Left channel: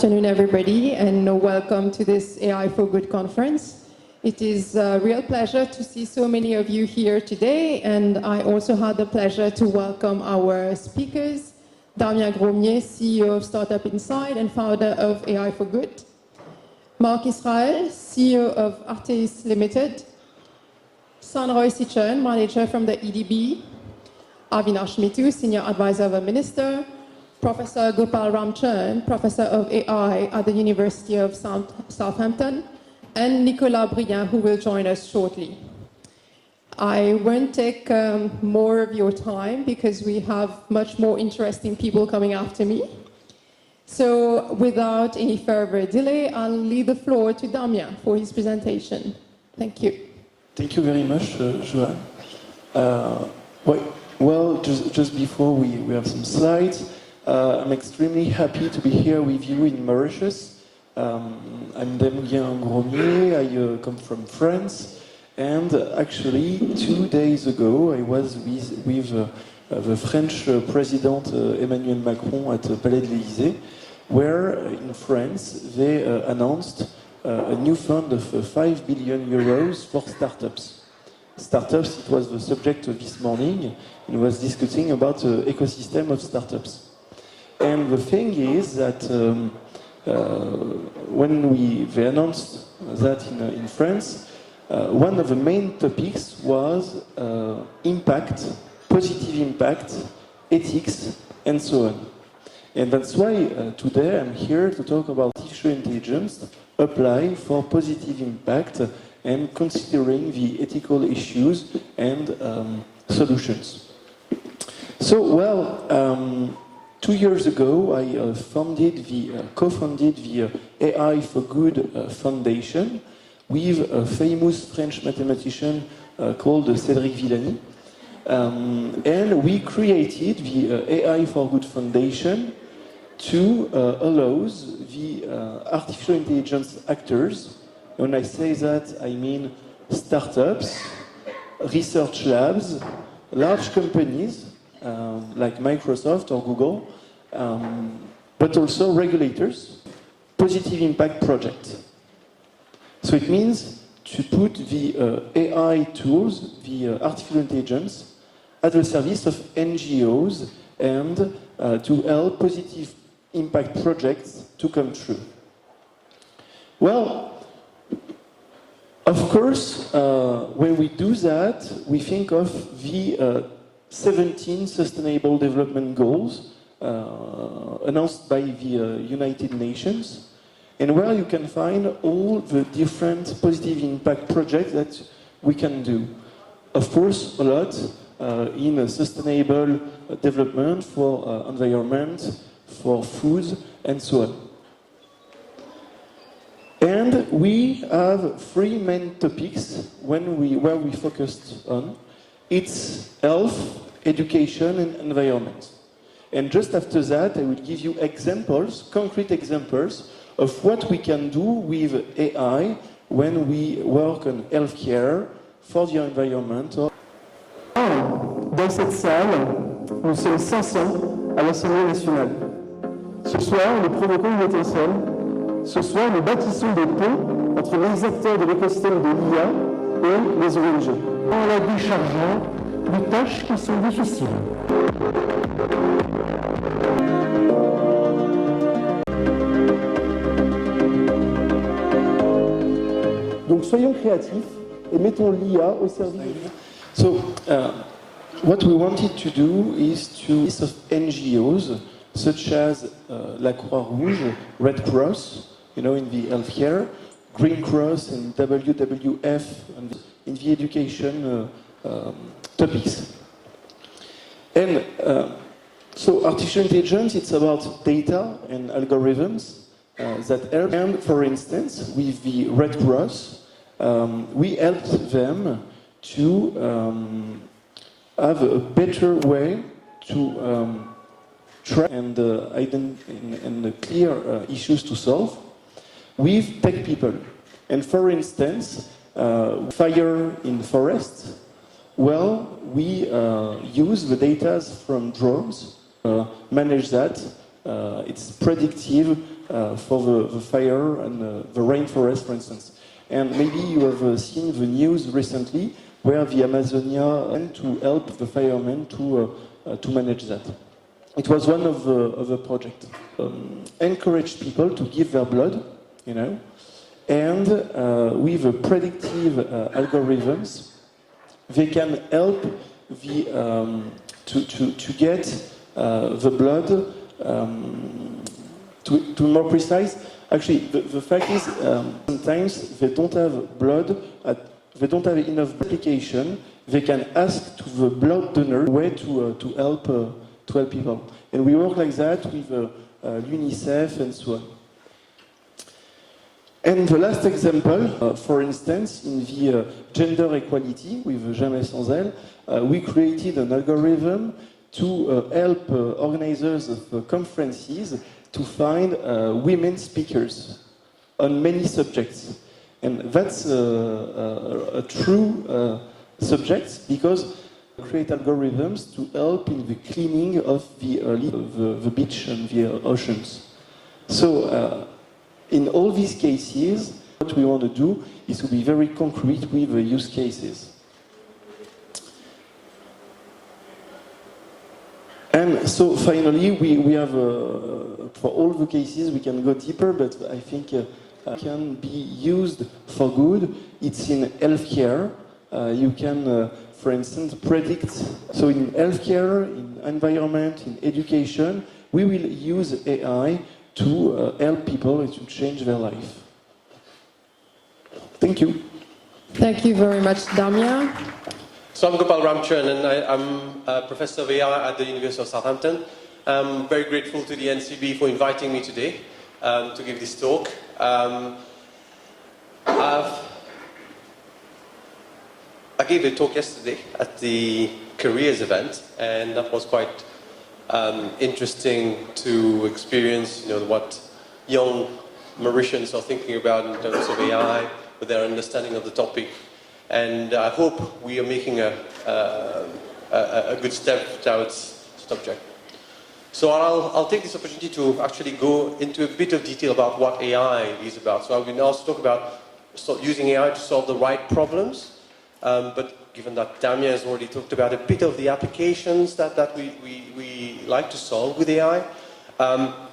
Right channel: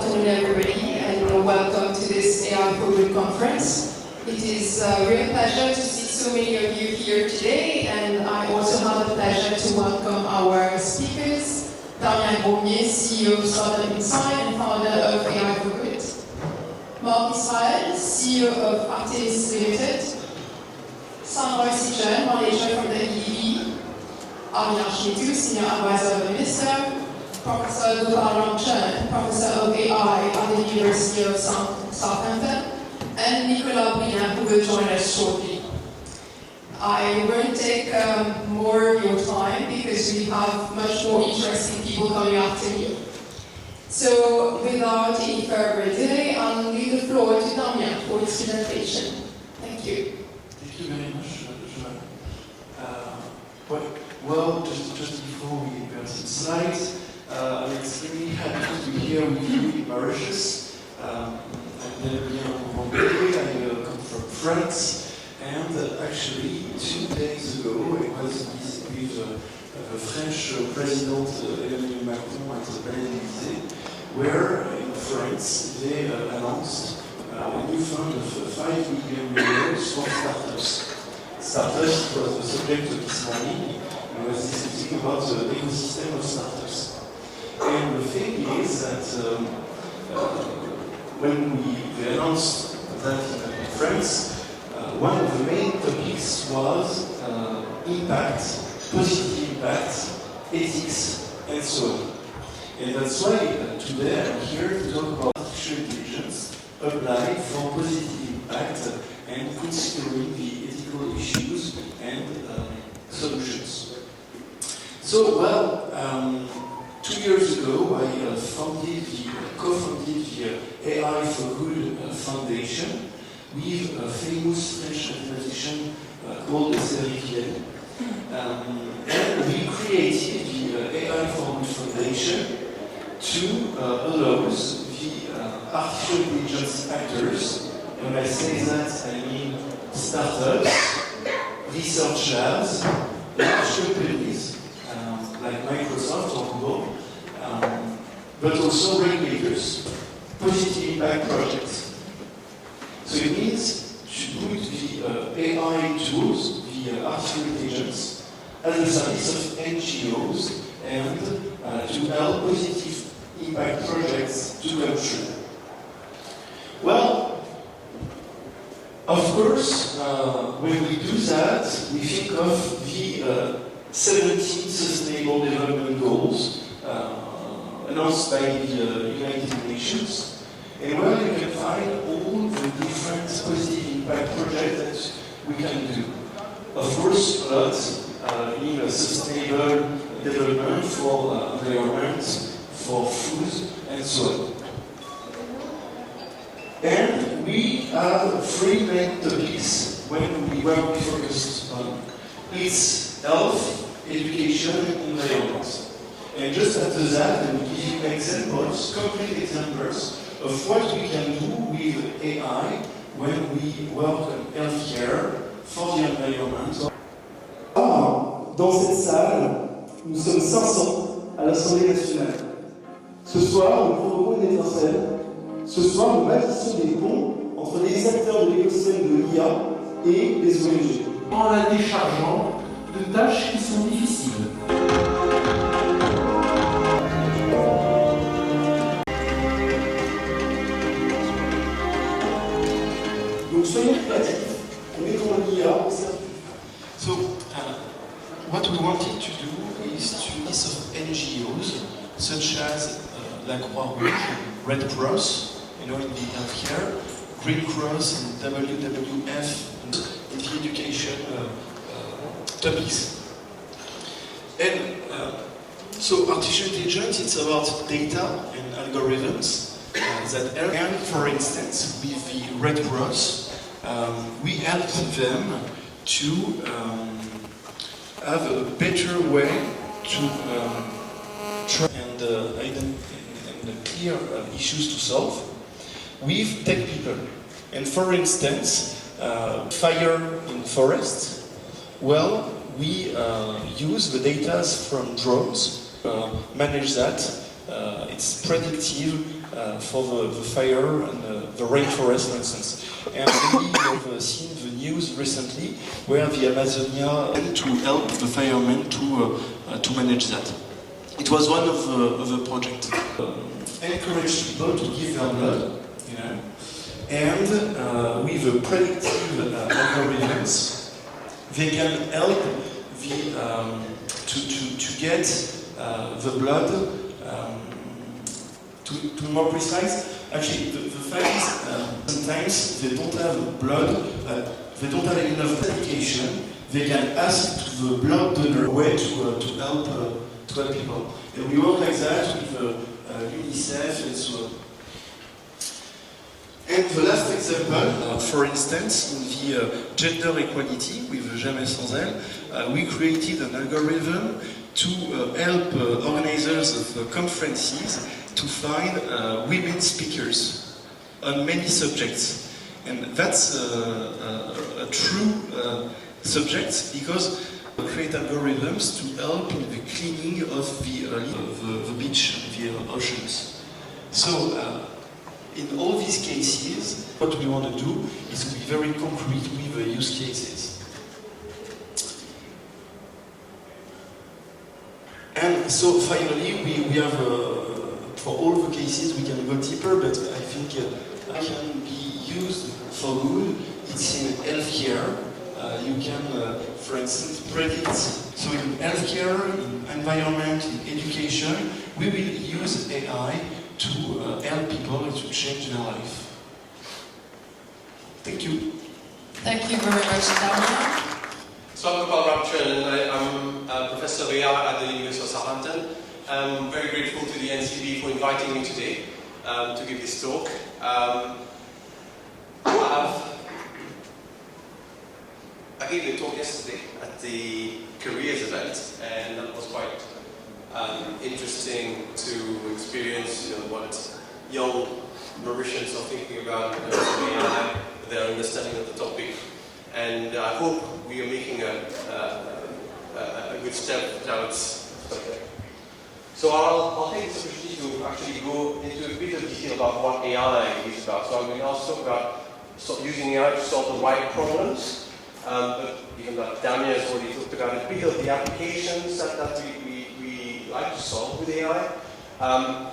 afternoon, everybody, and welcome to this AI for Good conference. It is a real pleasure to see so many of you here today, and I also have the pleasure to welcome our speakers, Damien Gromnier, CEO of Startup Inside and founder of AI for Good, Mark Israel, CEO of Artis Limited, Sandroy Sichel, manager from the EDB, Avinash Nitu, senior advisor of the minister, Professor Gopal Ramcharan, Professor of AI at the University of Southampton, and Nicolas Briand, who will join us shortly. I won't take more of your time because we have much more interesting people coming after me. So without any further delay, I'll leave the floor to Damien for his presentation. Thank you. Thank you very much, Joanne. Well, just before we have some slides. I'm extremely happy to be here with you in Mauritius. I'm Damien Gromnier, I come from France, and actually 2 days ago I was with the French President Emmanuel Macron at the Palais de l'Élysée, where in France they announced a new fund of 5 billion euros for startups. Startups was the subject of this morning, and was discussing about the ecosystem of startups. And the thing is that when they announced that in France, one of the main topics was impact, positive impact, ethics, and so on. And that's why today I'm here to talk about artificial intelligence applied for positive impact and considering the ethical issues and solutions. So, well, 2 years ago, I co-founded the AI for Good Foundation with a famous French mathematician called Cédric Villani. And we created the AI for Good Foundation to allow the artificial intelligence actors, when I say that, I mean startups, research labs, large companies, like Microsoft or Google, but also regulators, positive impact projects. So it means to put the AI tools, the artificial intelligence, at the service of NGOs and to help positive impact projects to come true. Well, of course, when we do that, we think of the 17 Sustainable Development Goals announced by the United Nations, and where you can find all the different positive impact projects that we can do. Of course, a lot in sustainable development for environment, for food, and so on. And we have 3 main topics where we focus on. It's health, education, and environment. And just after that, I will give you examples, concrete examples, of what we can do with AI when we work on healthcare, for the environment. Dans cette salle, nous sommes 500 à l'Assemblée nationale. Ce soir, nous provoquons une étincelle. Ce soir, nous bâtissons des ponts entre les acteurs de l'écosystème de l'IA et les ONG. En la déchargeant de tâches qui sont difficiles. Donc soyons créatifs et mettons l'IA au service. So, what we wanted to do is to list of NGOs such as La Croix-Rouge, Red Cross, in the healthcare, Green Cross and WWF, and in the education topics. And so artificial intelligence, it's about data and algorithms that help. And for instance, with the Red Cross, we help them to have a better way to try and clear issues to solve with tech people. And for instance, fire in forests, well, we use the data from drones, manage that. It's predictive for the fire and the rainforest, for instance. And maybe you have seen the news recently where the Amazonia went to help the firemen to manage that. It was one of the projects. Encourage people to give their blood, you know, and with the predictive algorithms, they can help to get the blood to be more precise. Actually, the fact is sometimes they don't have blood, they don't have enough application. They can ask to the blood donor a way to help people. And we work like that with UNICEF and so on. And the last example, for instance, in the gender equality with Jamais sans elle, we created an algorithm to help organizers of conferences to find women speakers on many subjects. And that's a true subject because we create algorithms to help in the cleaning of the beach and the oceans. So in all these cases, what we want to do is to be very concrete with the use cases. And so finally, we have, for all the cases, we can go deeper, but I think it can be used for good. It's in healthcare. You can, for instance, predict. So in healthcare, in environment, in education, we will use AI to help people to change their life. Thank you. Thank you very much, Damien. So I'm Gopal Ramcharan and I'm a Professor of AI at the University of Southampton. I'm very grateful to the NCB for inviting me today to give this talk. I gave a talk yesterday at the careers event, and that was quite interesting to experience, you know, what young Mauritians are thinking about in terms of AI, with their understanding of the topic. And I hope we are making a good step towards the subject. So I'll take this opportunity to actually go into a bit of detail about what AI is about. So I will also talk about using AI to solve the right problems. But given that Damien has already talked about a bit of the applications that we like to solve with AI, I'm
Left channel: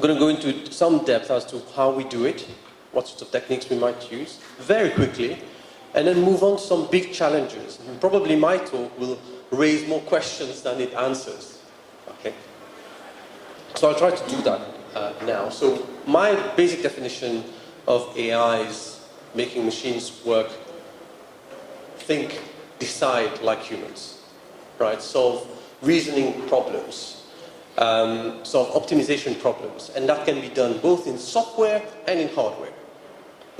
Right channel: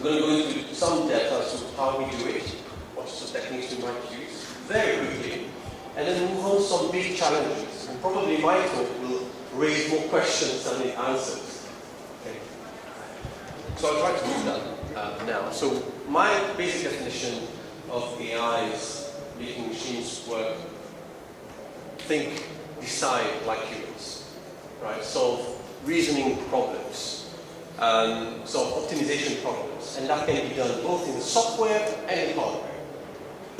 going to go into some depth as to how we do it, what sorts of techniques we might use, very quickly, and then move on to some big challenges. And probably my talk will raise more questions than it answers. Okay? So I'll try to do that now. So my basic definition of AI is making machines work, think, decide like humans, right? Solve reasoning problems, solve optimization problems, and that can be done both in software and in hardware.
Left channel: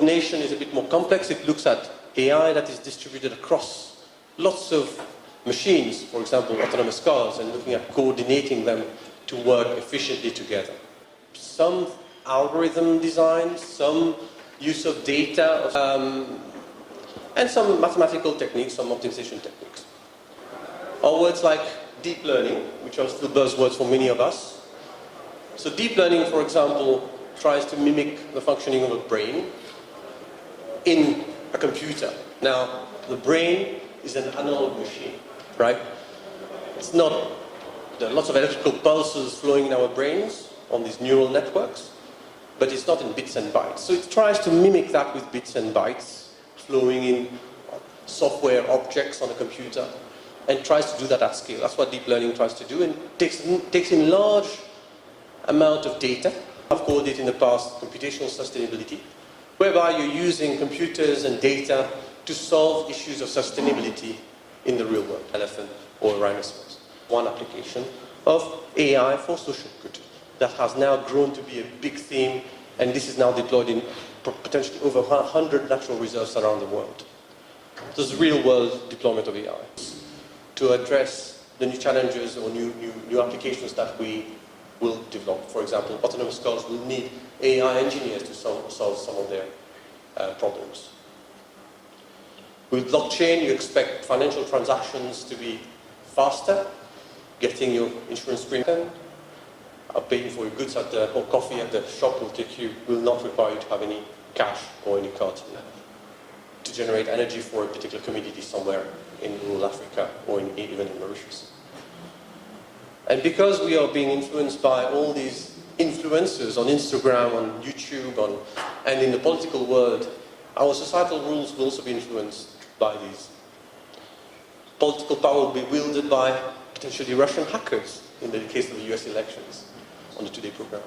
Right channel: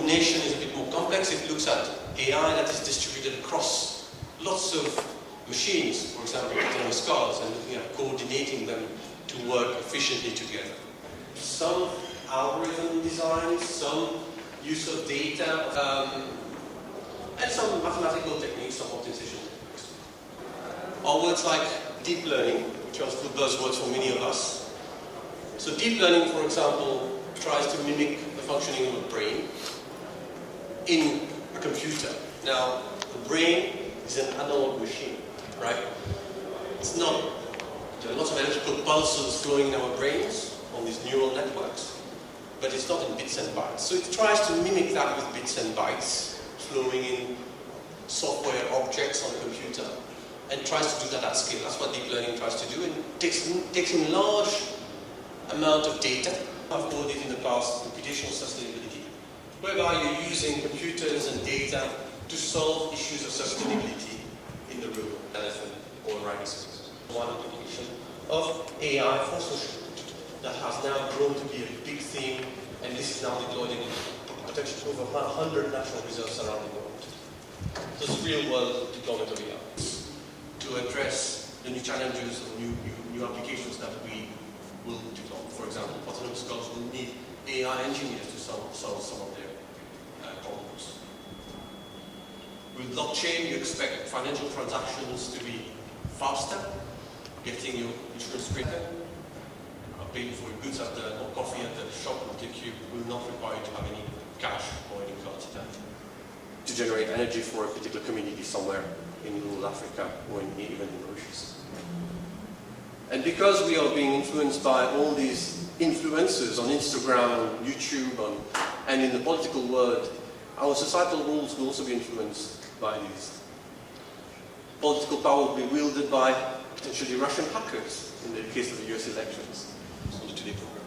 Nation is a bit more complex. It looks at AI that is distributed across lots of machines, for example, autonomous cars, and looking at coordinating them to work efficiently together. Some algorithm design, some use of data, and some mathematical techniques, some optimization techniques. Or words like deep learning, which are still buzzwords for many of us. So deep learning, for example, tries to mimic the functioning of a brain in a computer. Now, the brain is an analog machine, right? It's not, there are lots of electrical pulses flowing in our brains on these neural networks, but it's not in bits and bytes. So it tries to mimic that with bits and bytes, flowing in software objects on a computer, and tries to do that at scale. That's what deep learning tries to do, and takes in large amount of data. I've called it in the past computational sustainability, whereby you're using computers and data to solve issues of sustainability in the real world, elephant or rhinoceros. One application of AI for social good that has now grown to be a big theme, and this is now deployed in potentially over 100 natural reserves around the world. This is real-world deployment of AI to address the new challenges or new applications that we will develop. For example, autonomous cars will need AI engineers to solve some of their problems. With blockchain, you expect financial transactions to be faster, getting your insurance premium, paying for your goods at the, or coffee at the shop will not require you to have any cash or any card to generate energy for a particular community somewhere in rural Africa or even in Mauritius. And because we are being influenced by all these influencers on Instagram, on YouTube, and in the political world, our societal rules will also be influenced by these. Political power will be wielded by potentially Russian hackers in the case of the US elections on the Today program.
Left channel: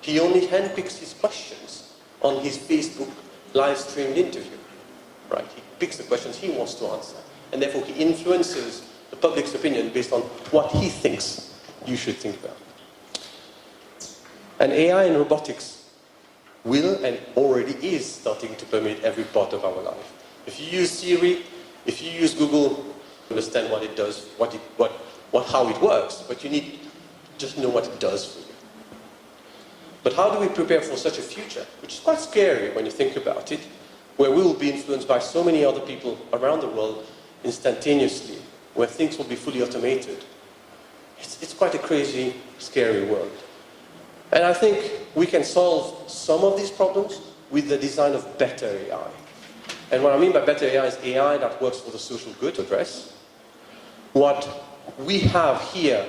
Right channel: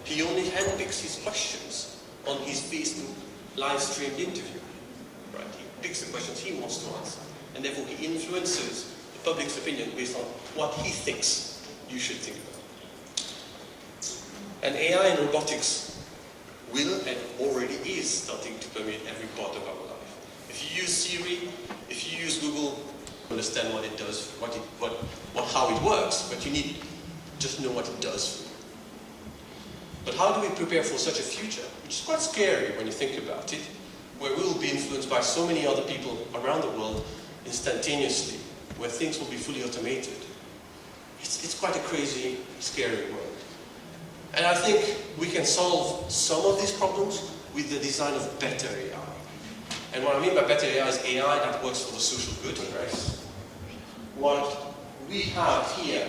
He only handpicks his questions on his Facebook live streamed interview. Right? He picks the questions he wants to answer. And therefore he influences the public's opinion based on what he thinks you should think about. And AI and robotics will and already is starting to permeate every part of our life. If you use Siri, if you use Google, understand what it does, how it works, but you need just know what it does for you. But how do we prepare for such a future, which is quite scary when you think about it, where we will be influenced by so many other people around the world instantaneously, where things will be fully automated. It's quite a crazy, scary world. And I think we can solve some of these problems with the design of better AI. And what I mean by better AI is AI that works for the social good, address. What we have here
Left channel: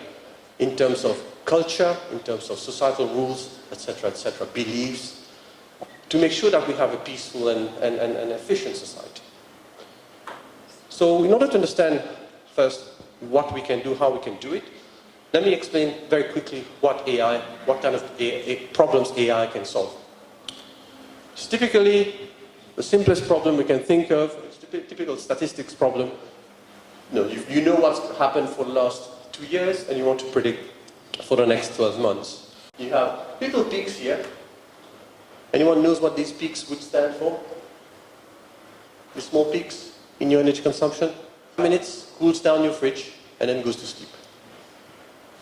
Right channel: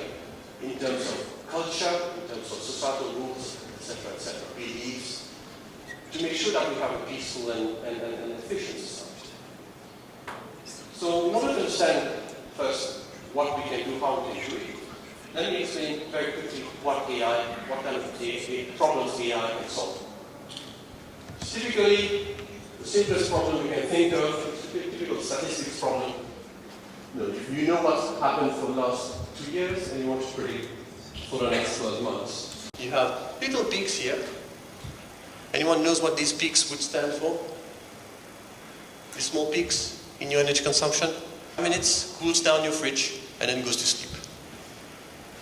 in terms of culture, in terms of societal rules, etc., beliefs, to make sure that we have a peaceful and efficient society. So in order to understand first what we can do, how we can do it, let me explain very quickly what kind of problems AI can solve. So typically, the simplest problem we can think of is a typical statistics problem. You know what's happened for the last 2 years and you want to predict for the next 12 months. You have little peaks here. Anyone knows what these peaks would stand for? These small peaks in your energy consumption? 5 minutes, cools down your fridge, and then goes to sleep.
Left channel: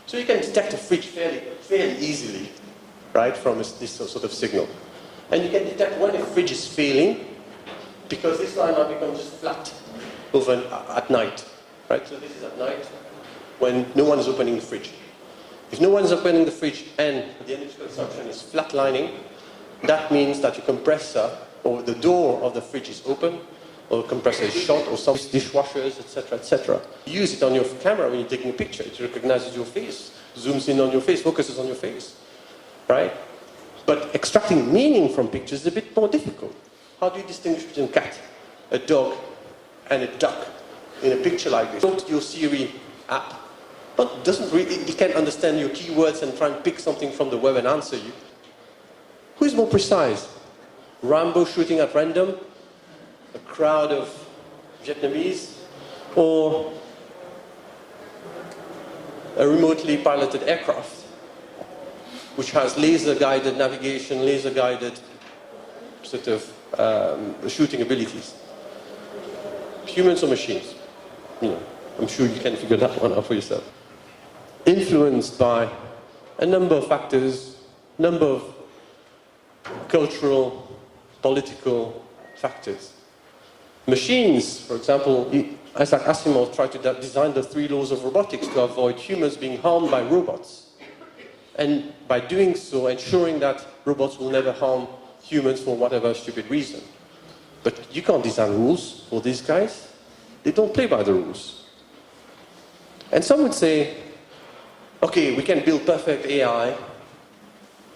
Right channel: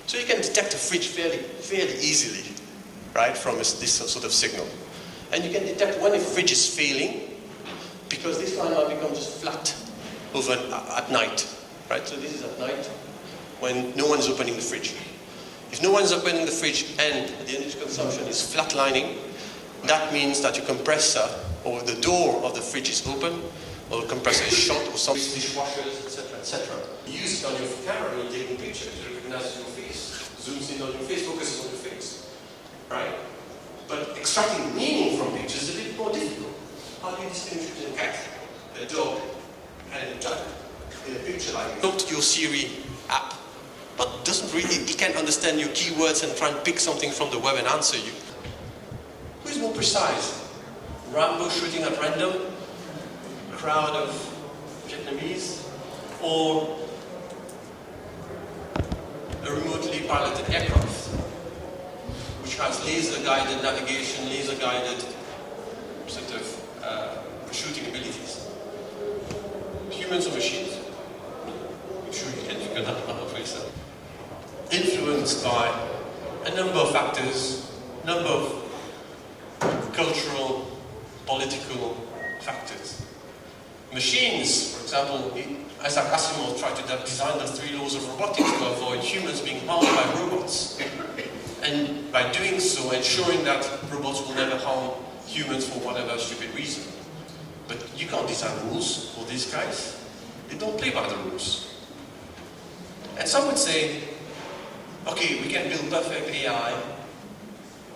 So you can detect a fridge fairly easily, right, from this sort of signal. And you can detect when a fridge is failing, because this line might become just flat over at night, right? So this is at night, when no one is opening the fridge. If no one is opening the fridge and the energy consumption is flatlining, that means that your compressor or the door of the fridge is open, or the compressor is short, or some dishwashers, etc. You use it on your camera when you're taking a picture. It recognizes your face, zooms in on your face, focuses on your face, right? But extracting meaning from pictures is a bit more difficult. How do you distinguish between a cat, a dog, and a duck in a picture like this? Talk to your Siri app, but it can't understand your keywords and try and pick something from the web and answer you. Who is more precise? Rambo shooting at random? A crowd of Vietnamese? Or a remotely piloted aircraft, which has laser-guided navigation, laser-guided sort of shooting abilities? Humans or machines? I'm sure you can figure that one out for yourself. Influenced by a number of factors, number of cultural, political factors. Machines, for example, as Asimov tried to design the 3 laws of robotics to avoid humans being harmed by robots. And by doing so, ensuring that robots will never harm humans for whatever stupid reason. But you can't design rules for these guys. They don't play by the rules. And some would say, okay, we can build perfect AI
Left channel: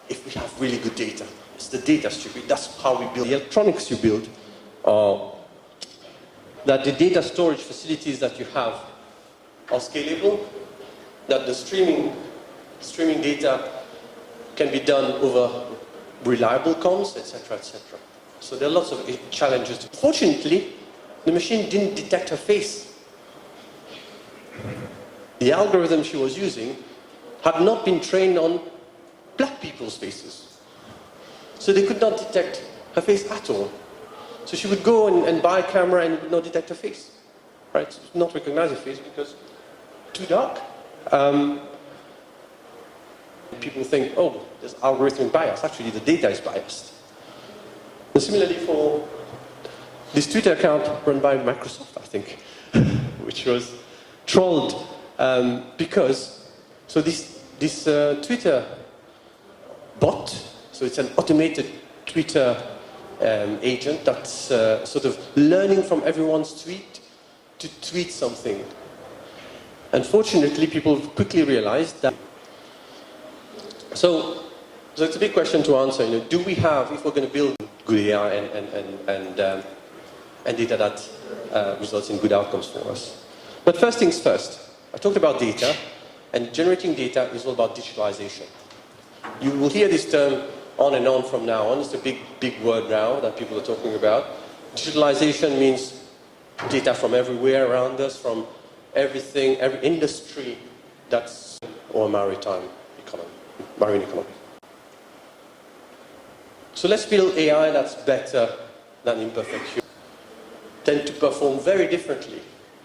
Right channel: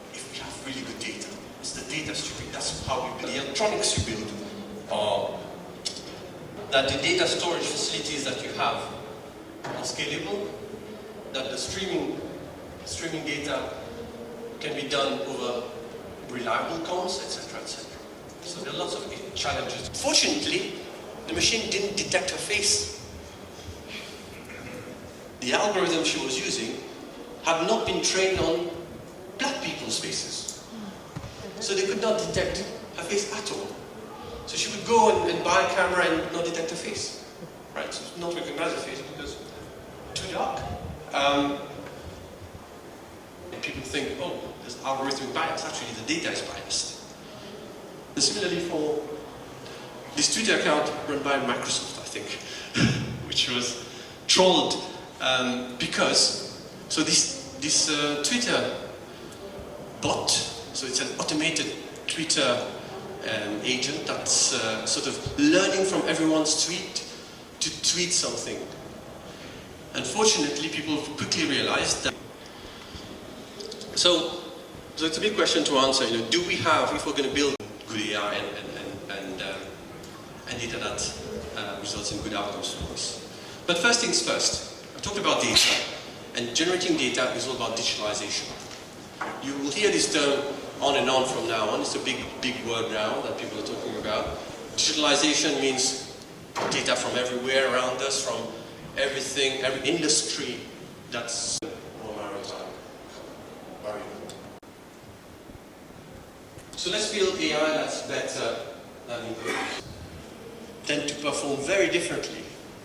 if we have really good data. It's the data stupid. That's how we build the electronics you build. That the data storage facilities that you have are scalable, that the streaming data can be done over reliable comms, etc., etc. So there are lots of challenges. Fortunately, the machine didn't detect her face. The algorithm she was using had not been trained on black people's faces. So they could not detect her face at all. So she would go and buy a camera and not detect her face, right? So not recognize her face because too dark. People think, oh, there's algorithmic bias. Actually, the data is biased. And similarly for this Twitter account run by Microsoft, I think, which was trolled because, so this Twitter bot, so it's an automated Twitter agent that's sort of learning from everyone's tweet to tweet something. Unfortunately, people quickly realized that. So it's a big question to answer. Do we have, if we're going to build good AI and data that results in good outcomes for us? But first things first. I talked about data, and generating data is all about digitalization. You will hear this term on and on from now on. It's a big word now that people are talking about. Digitalization means data from everywhere around us, from everything, every industry that's, or maritime economy, marine economy. So let's build AI that's better than imperfect humans. Tend to perform very differently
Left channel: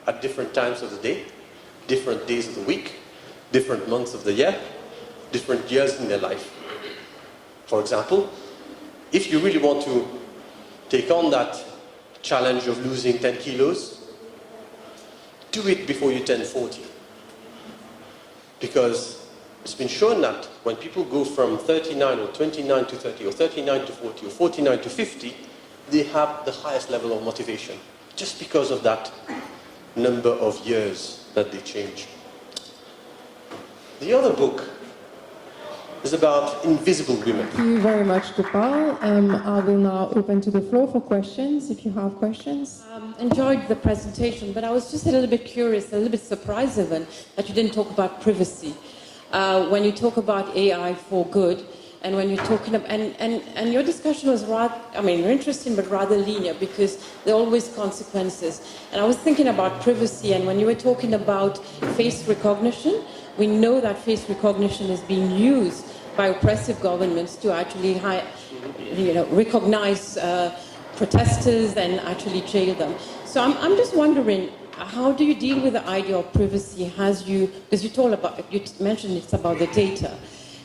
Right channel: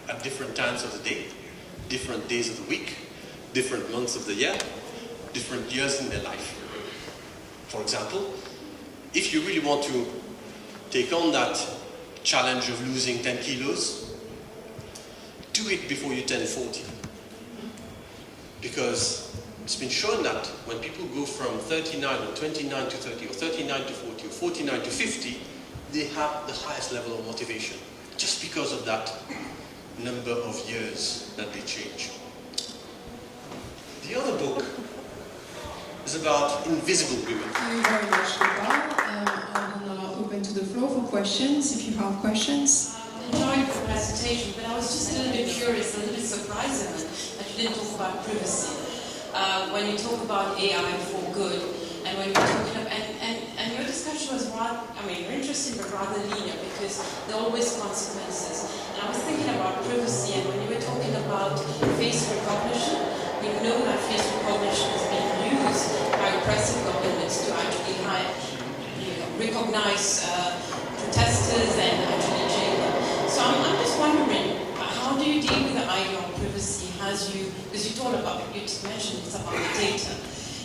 at different times of the day, different days of the week, different months of the year, different years in their life. For example, if you really want to take on that challenge of losing 10 kilos, do it before you turn 40. Because it's been shown that when people go from 39 or 29 to 30 or 39 to 40 or 49 to 50, they have the highest level of motivation just because of that number of years that they change. The other book is about invisible women. Thank you very much, Gopal. I will now open to the floor for questions, if you have questions. Enjoyed the presentation, but I was just a little bit curious, a little bit surprised even, that you didn't talk about privacy. When you talk about AI for good, and when you're talking about, and your discussion was rather, I mean, interesting, but rather linear, because there are always consequences. And I was thinking about privacy, and when you were talking about face recognition, we know that face recognition is being used by oppressive governments to actually recognize protesters and actually jail them. So I'm just wondering, how do you deal with the idea of privacy as you, because you mentioned it's about the data,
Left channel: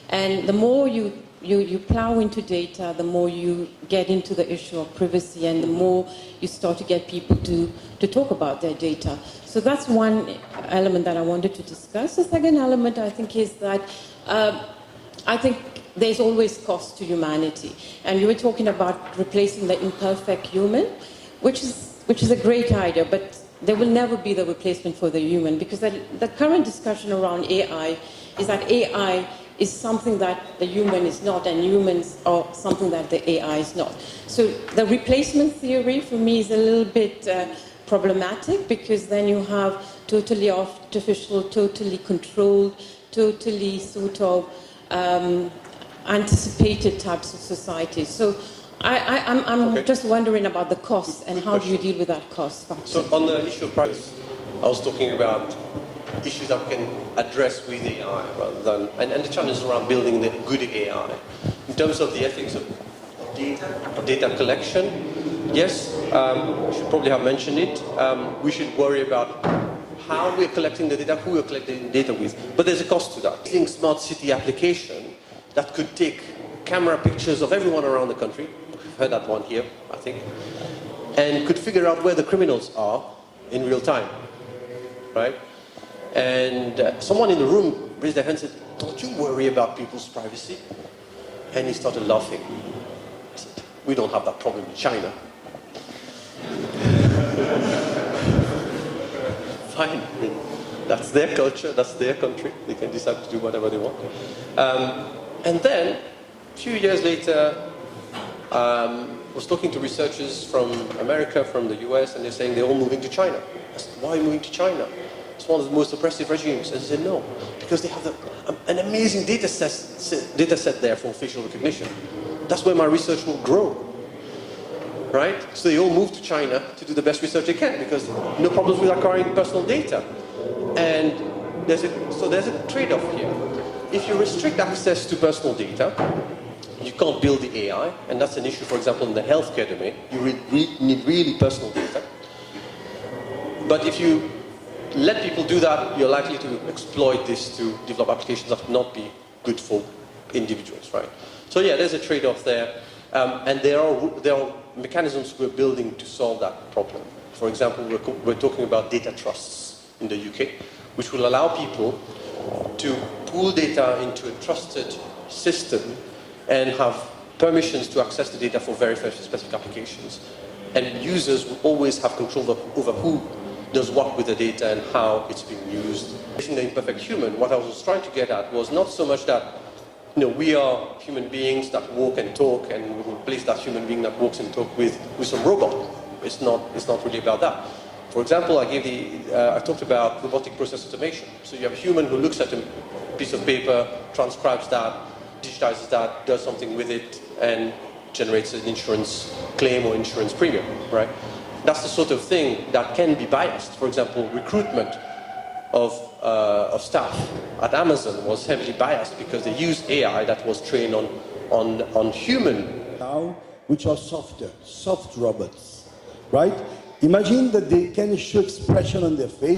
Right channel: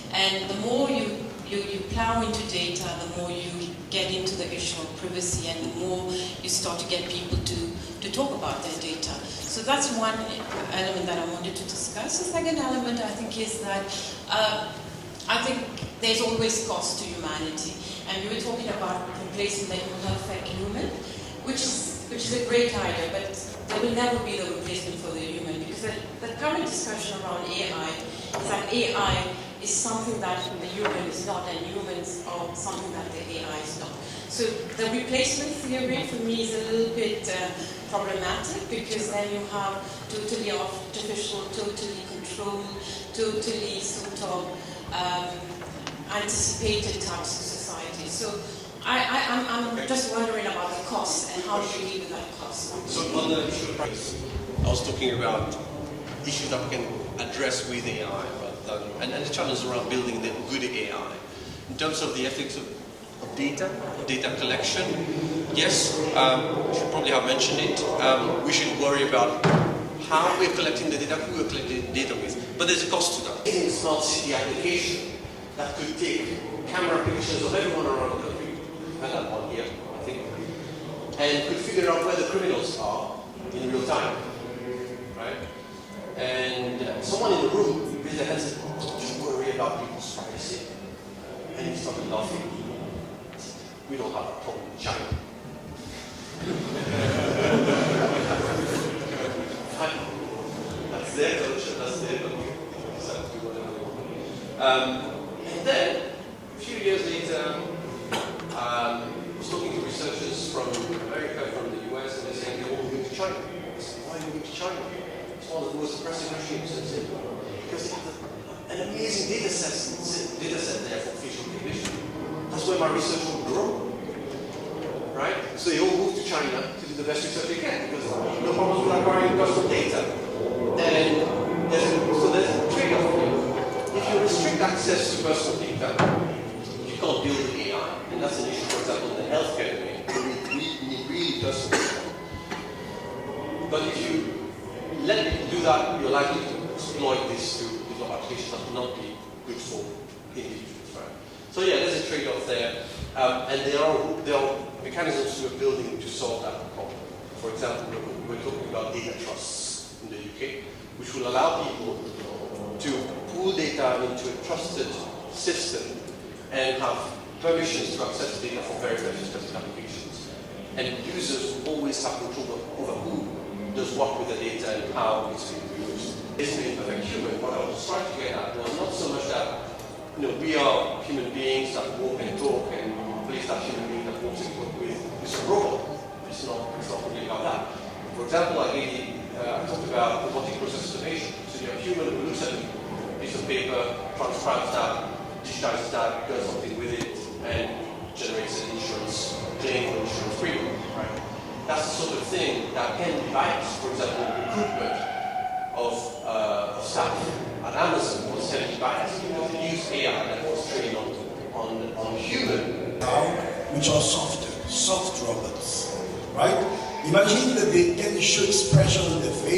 and the more you plow into data, the more you get into the issue of privacy, and the more you start to get people to talk about their data. So that's one element that I wanted to discuss. The second element, I think, is that I think there's always cost to humanity. And you were talking about replacing the imperfect human, which is a great idea, but there will never be the replacement for the human, because the current discussion around AI is that AI is something that the human is not, and humans are something that the AI is not. So the replacement theory for me is a little bit problematic, because then you have totally artificial, totally controlled, totally sort of anticipated types of societies. So I'm just wondering about the costs, and how do you deal with that cost? So on the issue of privacy, I was talking about issues that we can address with AI rather than, and the challenge around building the good AI. In terms of the ethics of data collection, yes, I should probably have mentioned it. We should worry about how we're collecting the data, who we're collecting the data with. But there's a cost to that. In smart city application that could take camera pictures of everyone around the country, I've heard that one here, I think, and could figure out where the criminals are in real time, right? And someone in the room raised their hand and said, "Don't you worry about people's privacy?" And he started laughing. I said, "We don't have that problem in China." Fine, that's their culture, that's their country. They can decide to do whatever they want. And then, a few years later, I was talking to researchers from America, from the US, and they're saying they're all moving to China. I said, "Why are you moving to China? It's one of the most oppressive regimes." And they said, "No, because they have an amazing data set there for facial recognition. That's where my research will grow." Right? So they all move to China to do the best research they can, because no problems with acquiring personal data. And there's a trade-off here. If you restrict access to personal data, you can't build the AI, and that's an issue, for example, in the healthcare domain. You need really personal data. But if you let people do that, you're likely to exploit this to develop applications that will not be good for individuals, right? So yeah, there's a trade-off there. And there are mechanisms we're building to solve that problem. For example, we're talking about data trusts in the UK, which will allow people to pool data into a trusted system and have permissions to access the data for very specific applications. And users will always have control over who does what with the data and how it's being used. In the imperfect human, what I was trying to get at was not so much that we are human beings that walk and talk, and replace that human being that walks and talks with some robot. It's not really about that. For example, I talked about robotic process automation. So you have a human who looks at a piece of paper, transcribes that, digitizes that, does something with it, and generates an insurance claim or insurance premium, right? That's the sort of thing that can be biased. For example, recruitment of staff at Amazon was heavily biased because they used AI that was trained on human. Now, which are soft robots, right? Imagine that they can show expression on their face.